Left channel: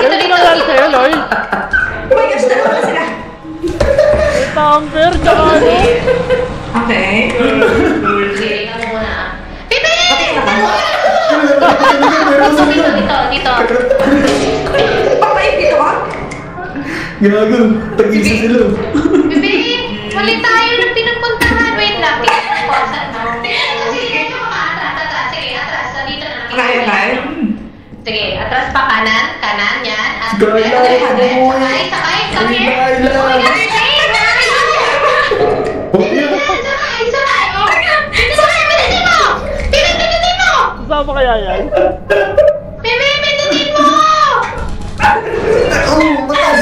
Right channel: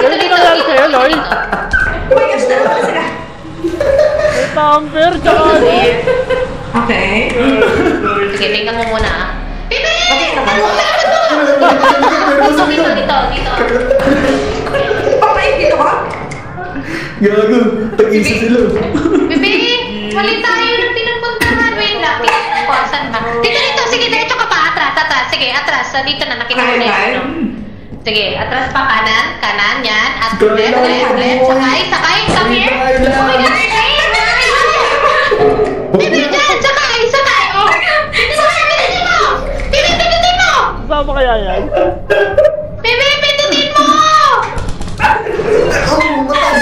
Ganun din nangyari sa'yo, Loy. Oh my gosh, dalawa na sila. May tamper, tsaka ano. Okay. Sige, tingnan mo muna ah. Pipi! Okay na ba? Dito. Papait dito ka? Gago, tag-isa sila. Pipi! Mali tayo nung pinupuntahan. Wait lang, tingnan ko. Saan ba? Tingnan dito, sige, diretso ka pa. Atras. Sige, atras. So, dito na, nakita ko na yun. Sige, atras pa, kanan, yan. At left, sakay, come here. Oh my God, sakay. Oh, pindutin mo. Pindutin mo. Saan ba kaya yan? Pipi, pindutin mo. Oh, patay!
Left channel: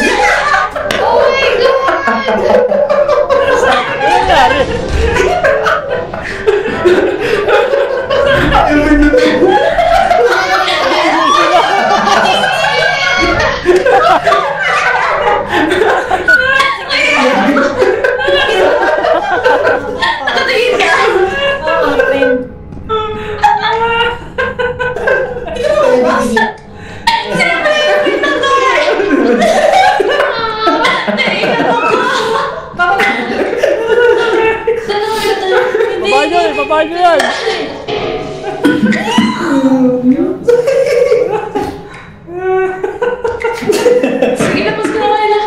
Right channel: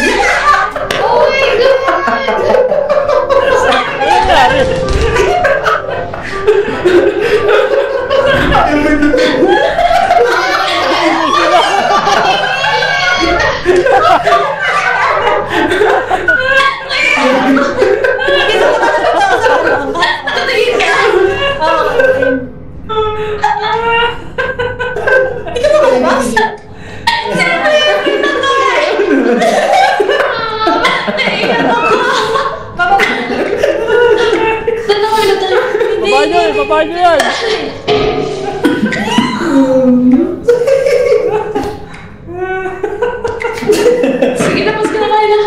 Oh my God. Ano nangyari? Ay, pindutin mo! Natatingin ka? Oo, hindi ka makalabas? Sino ba yung pinatay? Naiiyak ako. Saan ako pinatay? Baba nyo yan. Sige, tapos ka na, Kayla.